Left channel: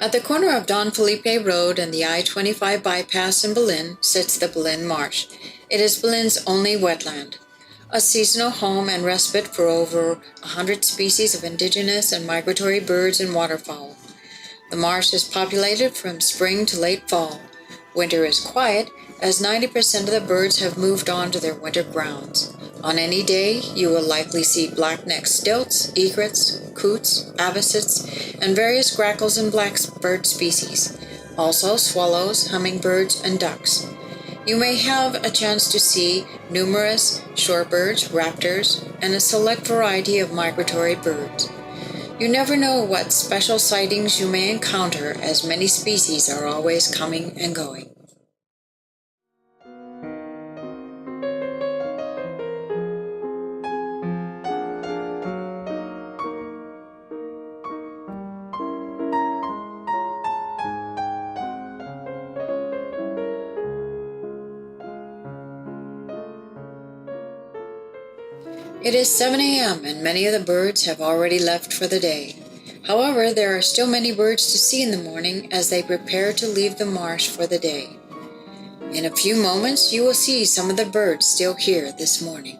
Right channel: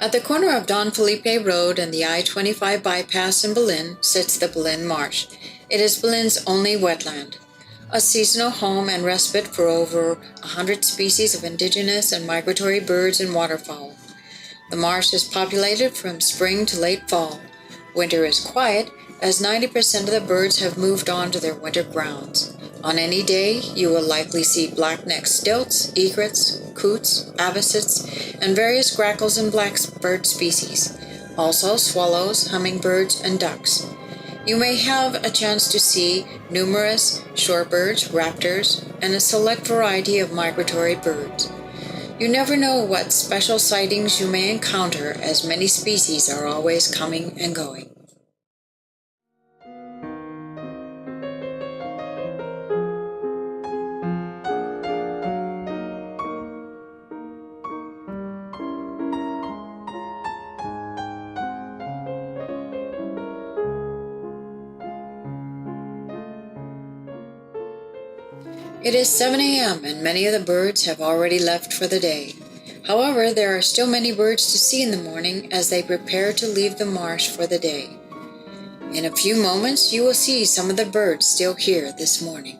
At the corner of Don Felipe Road and the I-25 bypass in Belen sits the Belen Marsh. It is Belen's only wetland, a seasonal home and respite for over 100 species of indigenous and migratory birds and waterfowl. The marsh is populated from spring to late fall. Winter is quiet, as 90% of the birds have moved on to their winter grounds. On any day, you will likely see black-necked stilts, egrets, coots, avocets, and various grackles and blackbird species. Also swallows, hummingbirds, and ducks. You may have a chance to see numerous shorebirds, raptors, and a select variety of migratory birds. You never know what special sightings you may encounter, as many species are always coming and going. It is 7 a.m. and many of the birds have already left for the day. However, there are still many birds to see in the morning as they prepare to leave the marsh for the day. In a few moments, you will see some of the birds still here this morning.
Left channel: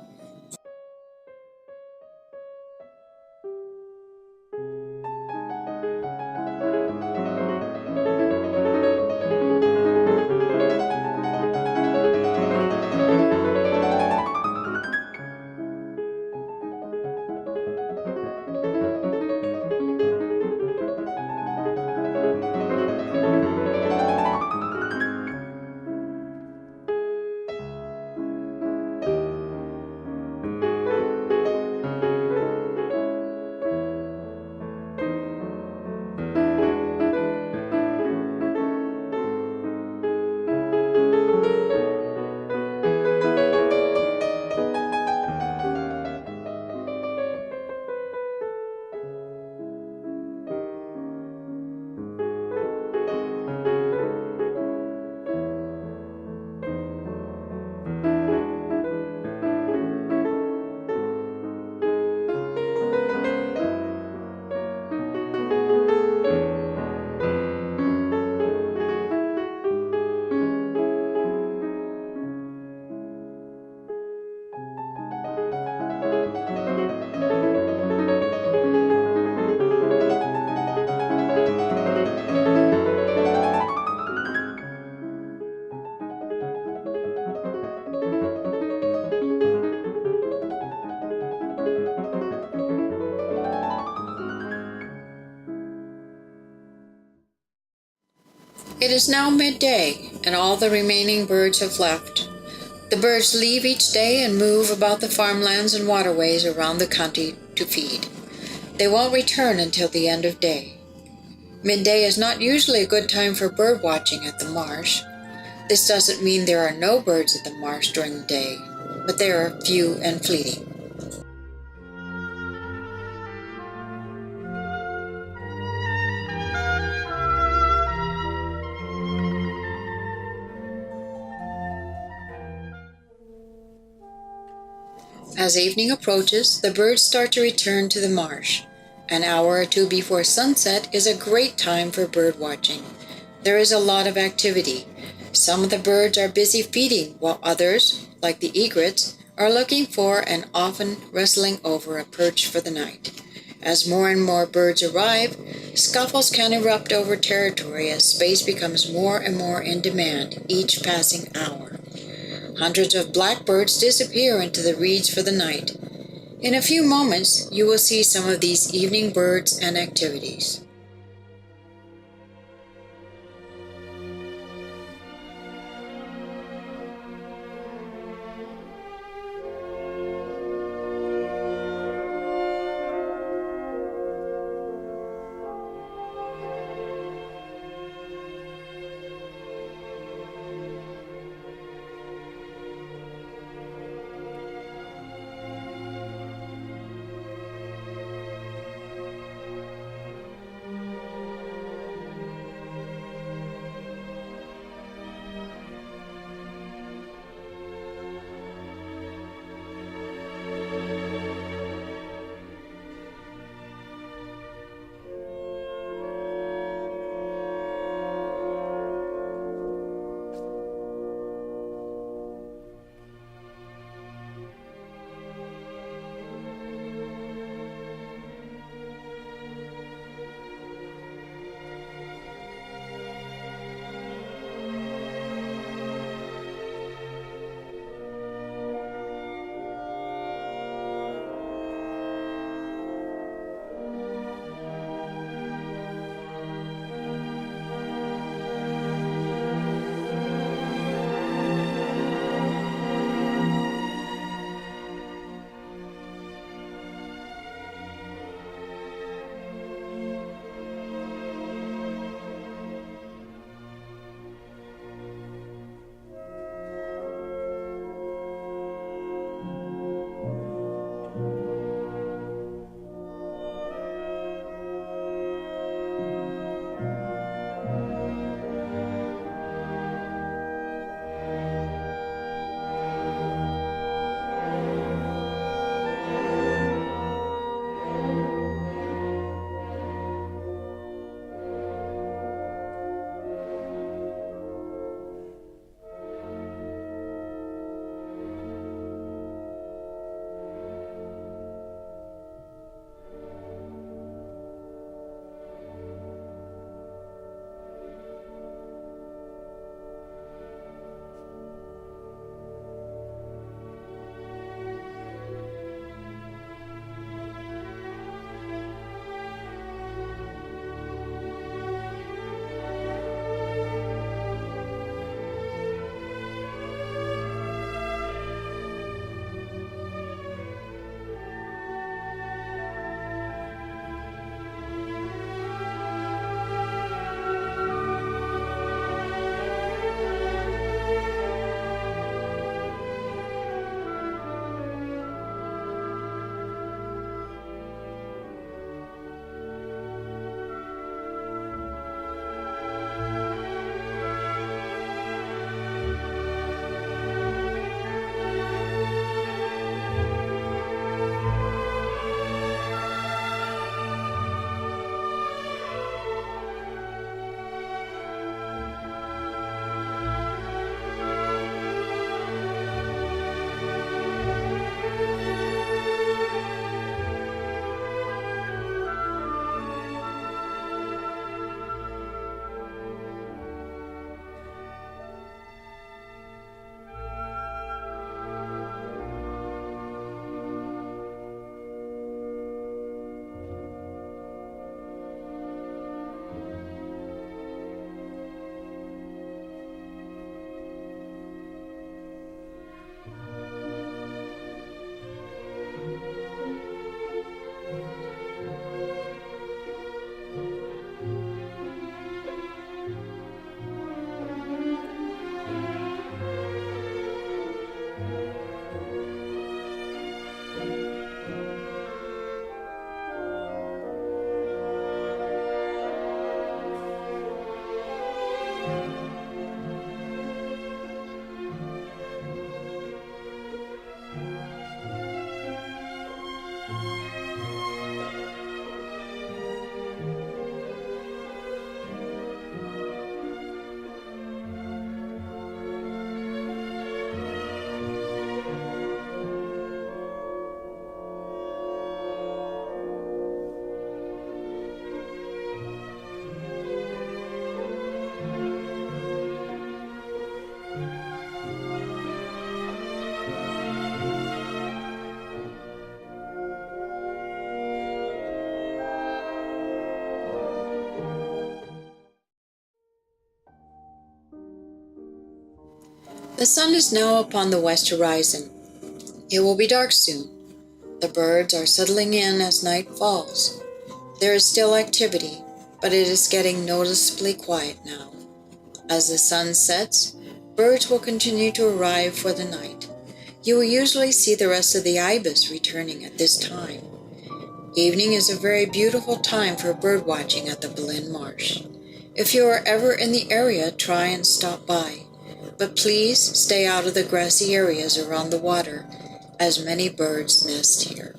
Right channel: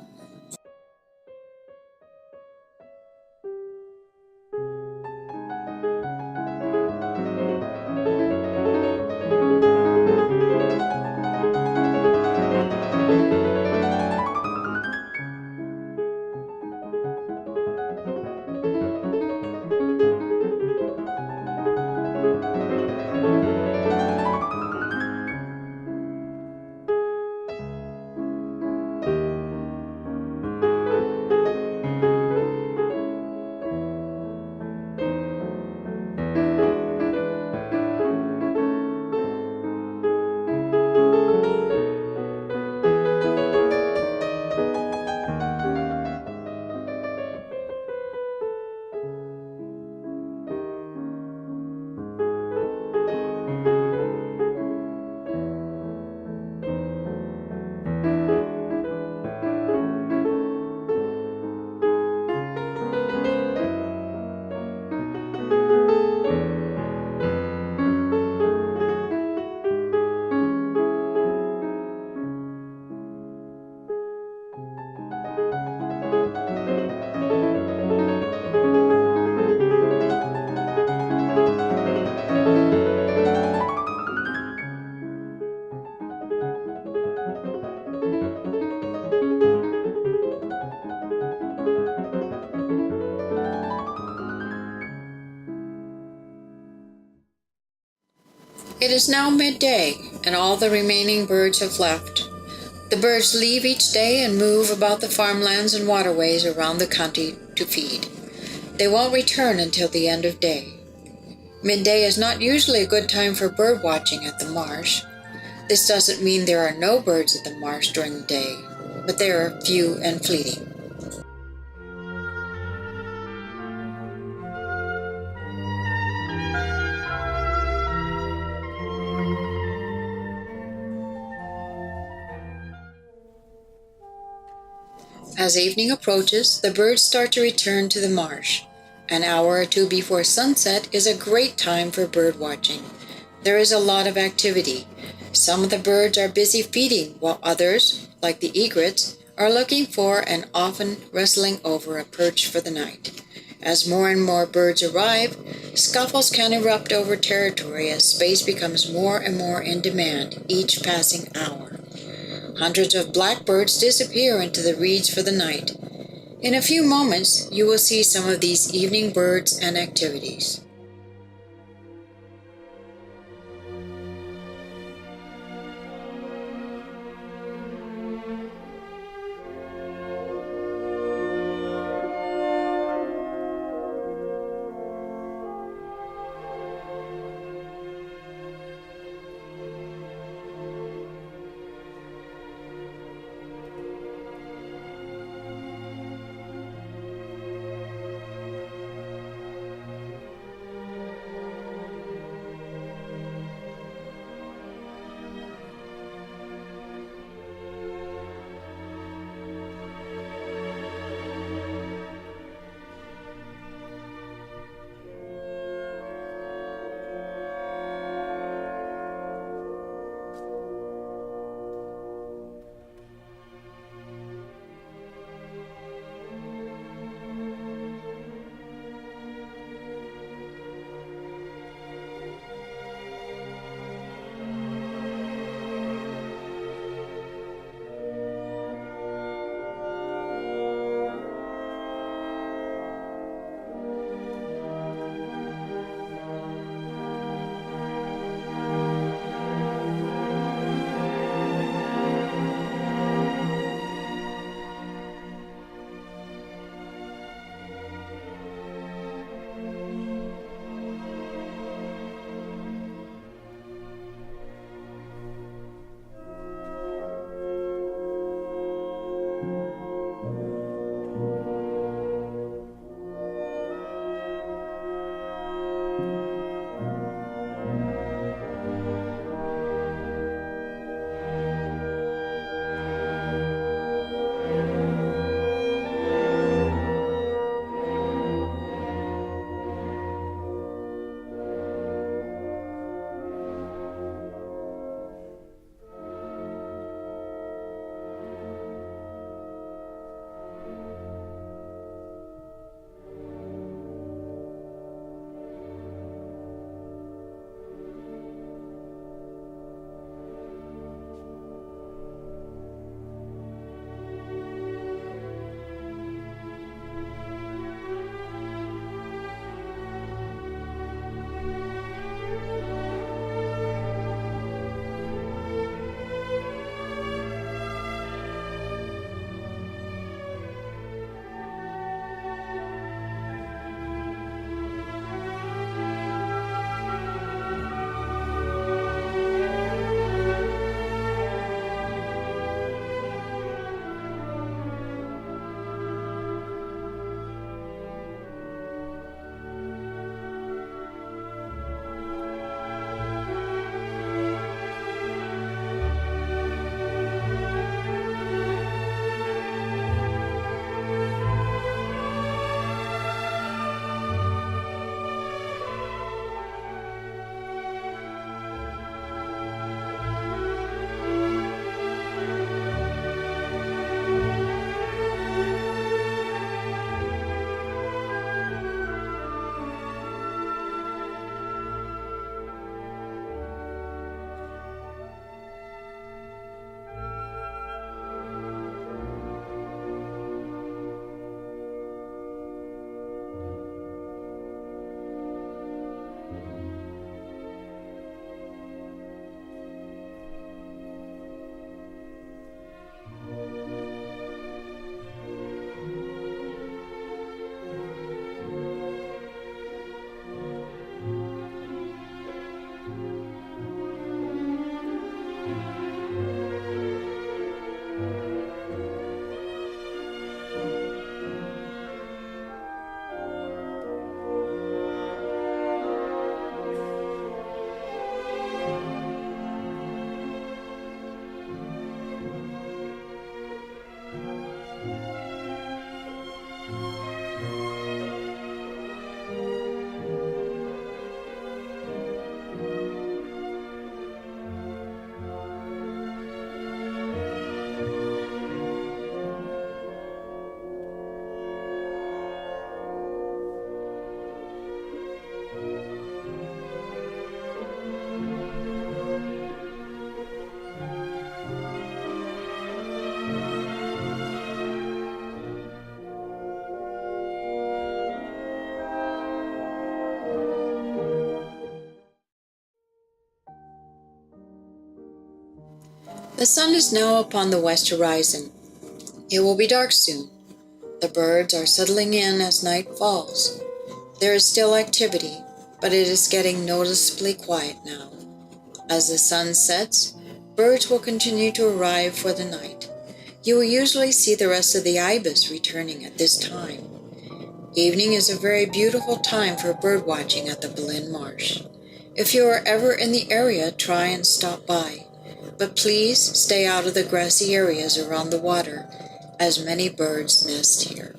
It is now midday, and all the remaining birds have left. The birds leave each day and move about the farmlands and waterways around the county to feed. They won't return until the end of day. Midday is not usually a good time for bird watching at the marsh. This doesn't mean there are no birds at the marsh during the day, but they are few and fleeting. As evening approaches, the birds start to return to the marsh. An hour or two before sunset is a great time for bird watching. There is a lot of activity. Some of the birds are busy feeding, while others, like the egrets, are looking for and often wrestling over a perch for the night. As more and more birds arrive, scuffles can erupt over territory as space becomes more and more in demand each passing hour. Hundreds of blackbirds disappear into the reeds for the night. In a few moments, you will see some of these evening birds and activities. The sun is now upon the west horizon. It will be dark soon. The birds are settling in as night falls. There is still activity, but it is getting noticeably quiet now. As the sun sets, birds will continue to arrive for the night. You will usually see the rest of the ibis returning at this time. Evening is a very beautiful time for bird watching at the Belen Marsh. If you are ever in the area, try and stop by. But please stay out of the grassy areas around the water, as many birds nest here.